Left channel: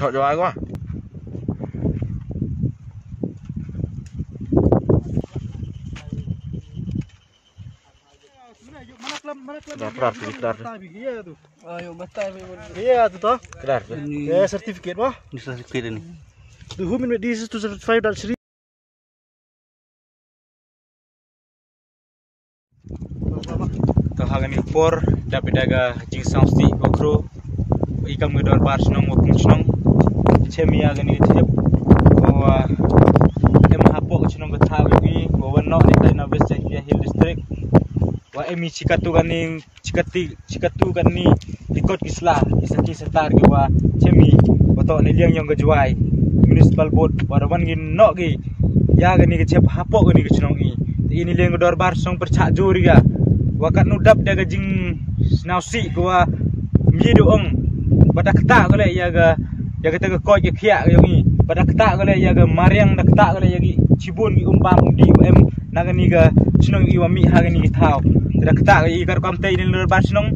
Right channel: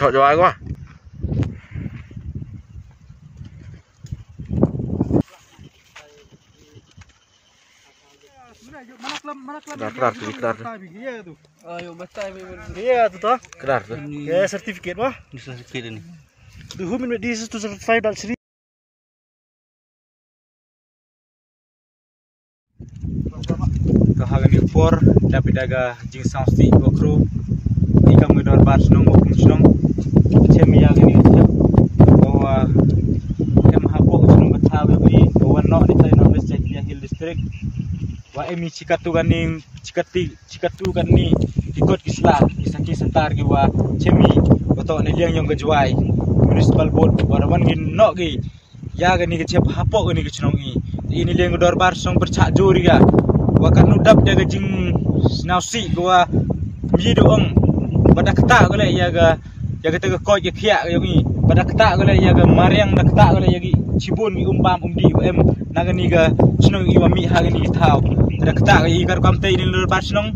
Thọ giỏi quá. Kelar tuh, kelar tuh. Iya tuh toh. Kelar tuh. Ya sertifikat wah. Sertifikat ini. The human this is to certify that Sri. To hagan impor dapat daga jing samsi okro ikam gedor bar snong okung snong chemi hagan ini jep bahwa em hapo snong katawi wi bahwa no ni kai nobes Jaya Hill district wa emi cikatu gani ikut kislah isaki setar ge wa chemi oto ni liang yang gejwai municipal board warawan gin no gi ya gani ke jep hapo gani ke snong ini liang gedor bar snong percak juri ga wakat nudap jaga jing snausi gua mido ong pada kata gole yaga tega koi ke khia yongi pada kata gole yaga mariang da kata gole yagi cibun gi umpam umdi em nagani ga snong i wami hagani thau pada kata gi gar kamte ini lur bar snong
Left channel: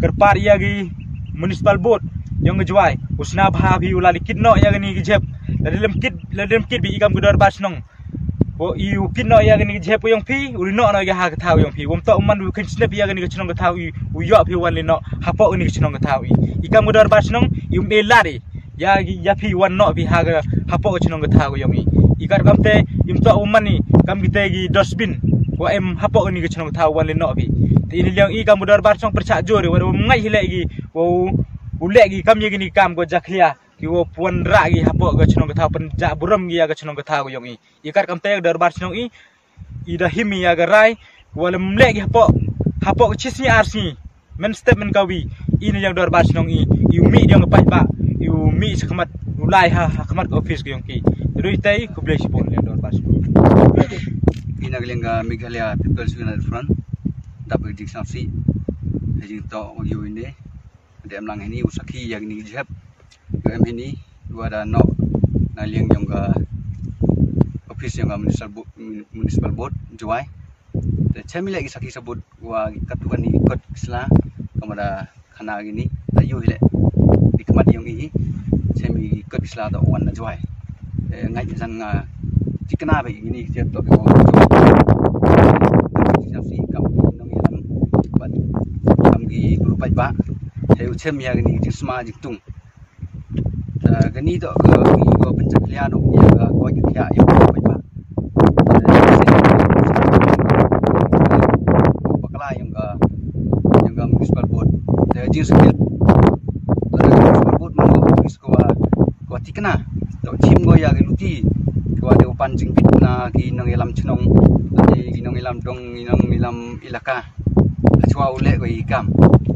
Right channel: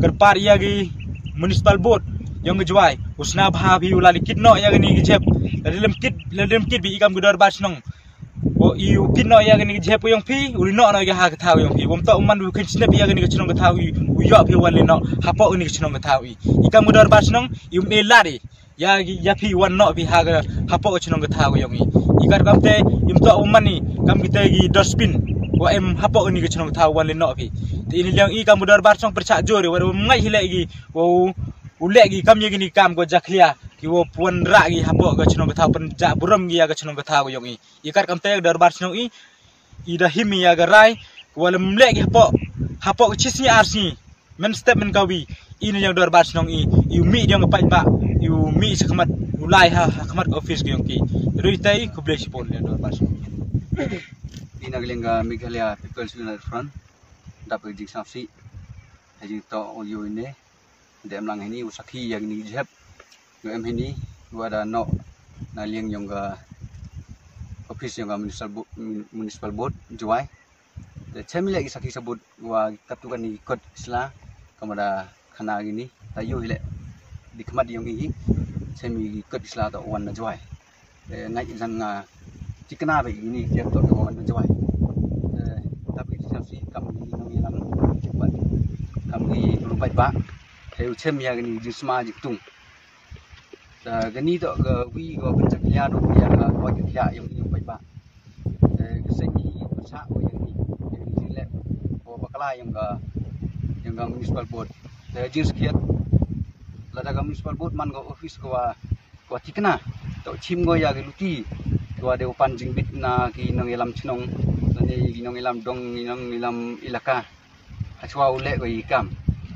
kerpar yagi municipal board yang ngejwai usna bha bi ulali kidno yagani gi jep ladem kid bi ikam gedor bar snong wo iu kinno ya gani jep yang pi uli no ga ha ka yang pi wom to man wi kin snap ya gani ga chnong ga thawi u yo pi wan le no hapo ni ga chnong ga thawi ikam godor ba chnong yu me lari ya pi wan no pi ha ga hapo ga chnong ga thawi yang ikar kamte im to man ni kam gi te gi dustbin wa em hapo ni ga chnong ga thawi wan le no pi ti ini yang ikam godor ba chnong percak jore wa ngai hile gi wo ule gi kam ye gi kam go jaklia ki wo puan ra gi hapo ga chnong ga thaw pen ja buram gi ya ga chnong ga thaw yong ikar kam te dar bar chnong ida himi ya ga rai wala mle gi hapo ga chisni arsi men step men kawi ini yang dar bar chnong yu mi dia ngapai ba yu mi sakmat ulai ha khamat office gi yong ki rui tai ku ble sipon ya dar bar chnong ina glenga Meghalaya People's United Front dapat jing samsi haji to yo ini dem lang ini usaki yang ni jeb em ini gua ada no naliang yang ga office yang ga municipal board juai de chemi lagi saki sebut gua katukan ni ikut sela kepada khana gini ayu hile di kemat yang ini chemi ikut sela to wan juai ngai san nga tikna ba ini siap to gua si kam nong ilam cepat kam gi berupat ba heu chemi yang ini jisma jitung gani to ke go pencaklia do ya ga ko ya yo ba ba bakala yang ga municipal board de jin skill municipal board man go office ko tikna to chim go ya ge luti ko de upan jing bit na ki nong elam chnong de nong elam dong nong elam ilaka achwa ule go ikam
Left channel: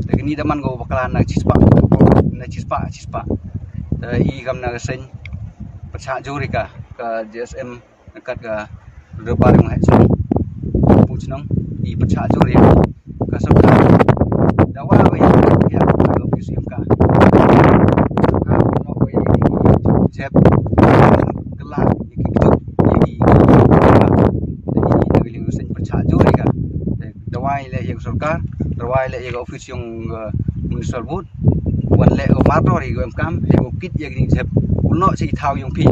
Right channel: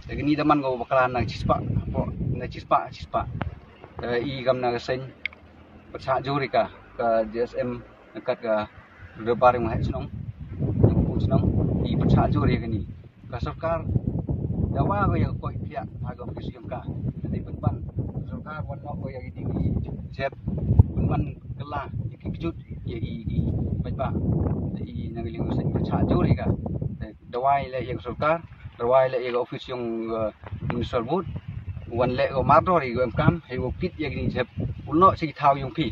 de gani da man go bakala na chispa i gam na sen percak juri ka JSM dekat ka rebar yang hai sini puchnong i percak juri ka soka dawa ba ya ka ofisium ka no ko ya ni jeb kela iki kejut i negeri sen percak juri ka dawa ile yang sarkar dawa ile yang ofisium municipal board wan le o matori go kam he go kit ya gini jeb uno si thau yung pi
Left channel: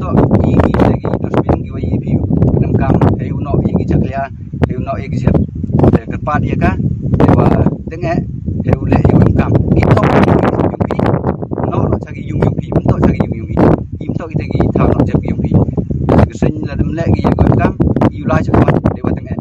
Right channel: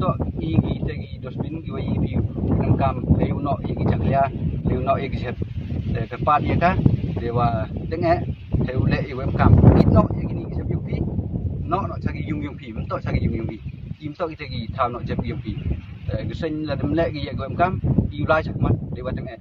to i gi lagi dosbin gi wai pi nam kam he uno i gi chaklia he uno i gi jeb de ka pat ya ka de wa tenge he ule i go kam ki to yung pi no chagi yung pi to chagi yung pi im to gi gi thau no jeb yung pi ge sen la dem le gi go kam i ulai chakma de wa tenge